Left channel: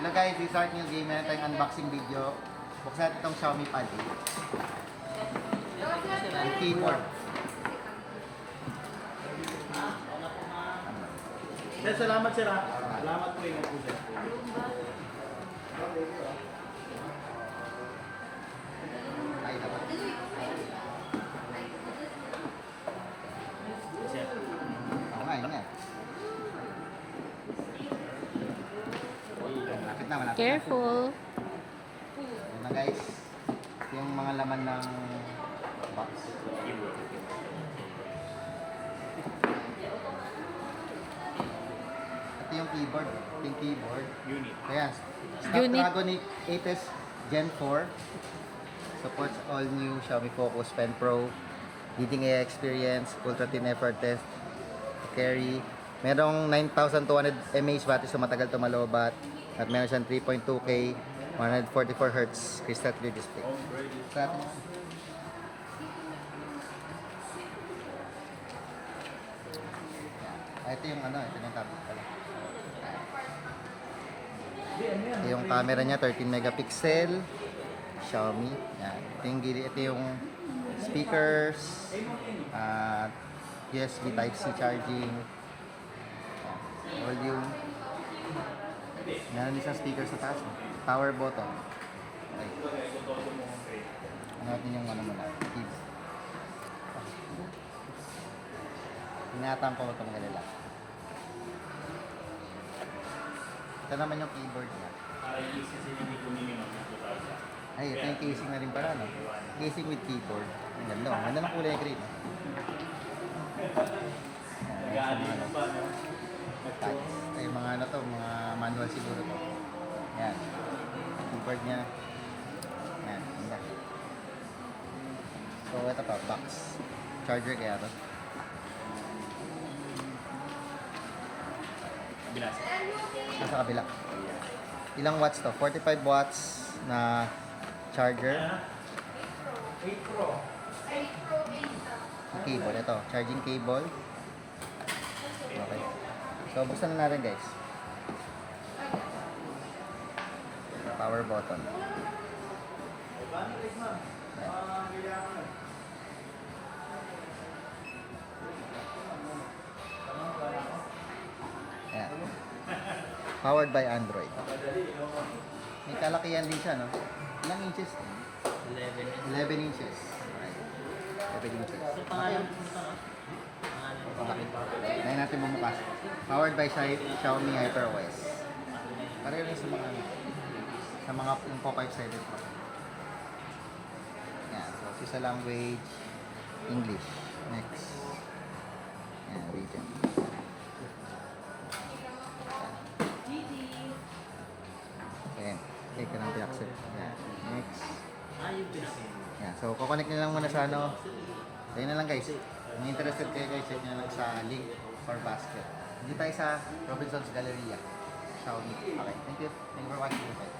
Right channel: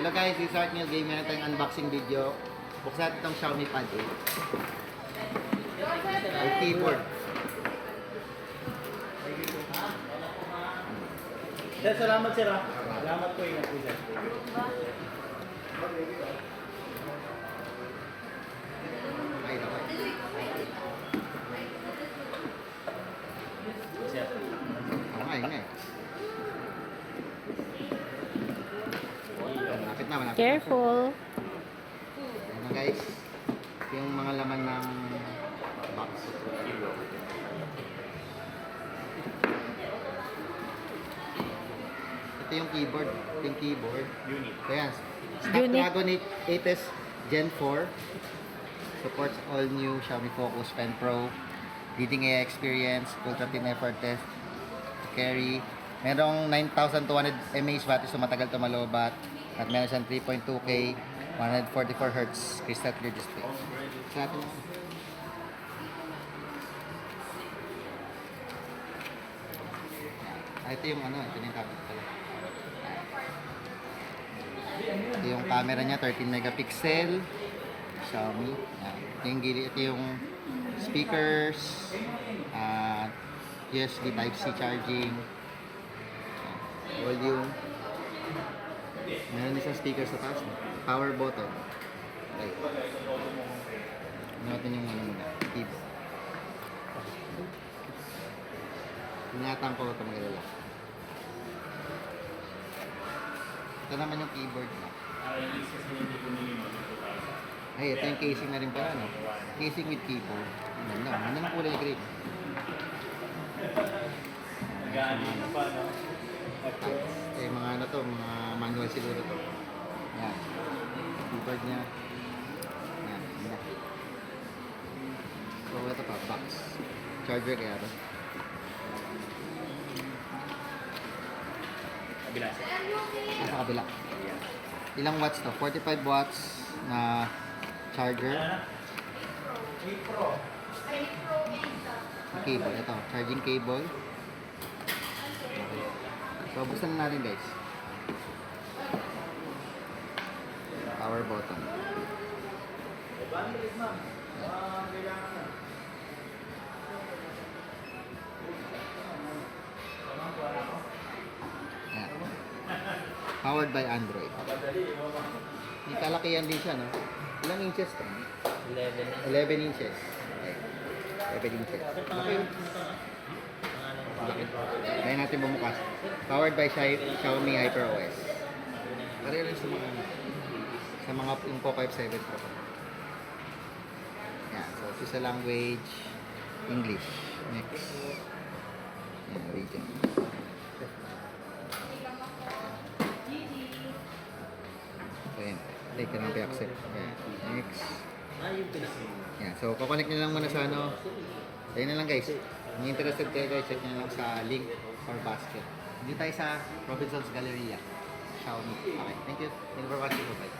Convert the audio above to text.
Hello guys, this is Art Neil Game. Meron tayong unboxing video. Buksan natin itong Xiaomi Pad 8. Ang keyboard. Sir, salamat sir ha. Salamat po yun po sir. Ay, naman. Sir. Oo nga, yun nga eh. Malapit na, malapit na. Careful. Ayan na guys. Ito yung mga laman ng box. Ito yung keyboard. Ito yung keyboard. Unit. So yan. Snapdragon 8s Gen 4. Supports all new Xiaomi Focus Pen Pro. Leading AI experience. Ultra thin effort test. Carry. Merong 9,200 mAh battery so matagal ito malobat. At meron siyang 3.2K 144Hz crystal clear display. Sa atin. Ito yung ano, ito na yung tablet pala. Ito yung camera niya, 13 megapixel. Xiaomi. Yan. Ito yung gilid, ito yung speakers. USB Type-C charging. Yan. Volume. Meron din siyang speaker sa taas. Power button. Okay. Ano natin yung ano muna? Keyboard. Inatang ko ito mga lalaki. Ito naman yung keyboard niya. Ay, ito yung casing na rin pala, no? Casing with keyboard. Ang ganda. Ang ganda ng kulay green. Ito yung mga ano to, mga manual siguro to. Yan. Keyboard niya. Yan. Ganda. So, ito pa, box. Charger kaya ito. Kabila sir. Sa kabila. Ilang watts to? 45 watts na charger. 8 Pro. Cable. Ito, charging cable. Okay. So, buksan na natin guys. Power button. Ayan. Powered by Android. May kalakihan din siya, no? Ilang inches to? 11 inches. Okay. 11 inches. Okay. Laki. Kaya natin bumukas. Powered by Xiaomi HyperOS. Pareho lang sa mga yung Poco 57 Pro. Yan. So, sa language, English. Next. Yan, region. Ayan. Take lang accept. Yan. Next. Yan. So, kukonect nyo lang muna sa ano. Ayun na lang guys. Kung interested kayo guys, check nyo lang sa link or basket. Dito tayo sa Robinson's Galleria. Xiaomi. Okay. Thank you. Thank you for watching. Bye.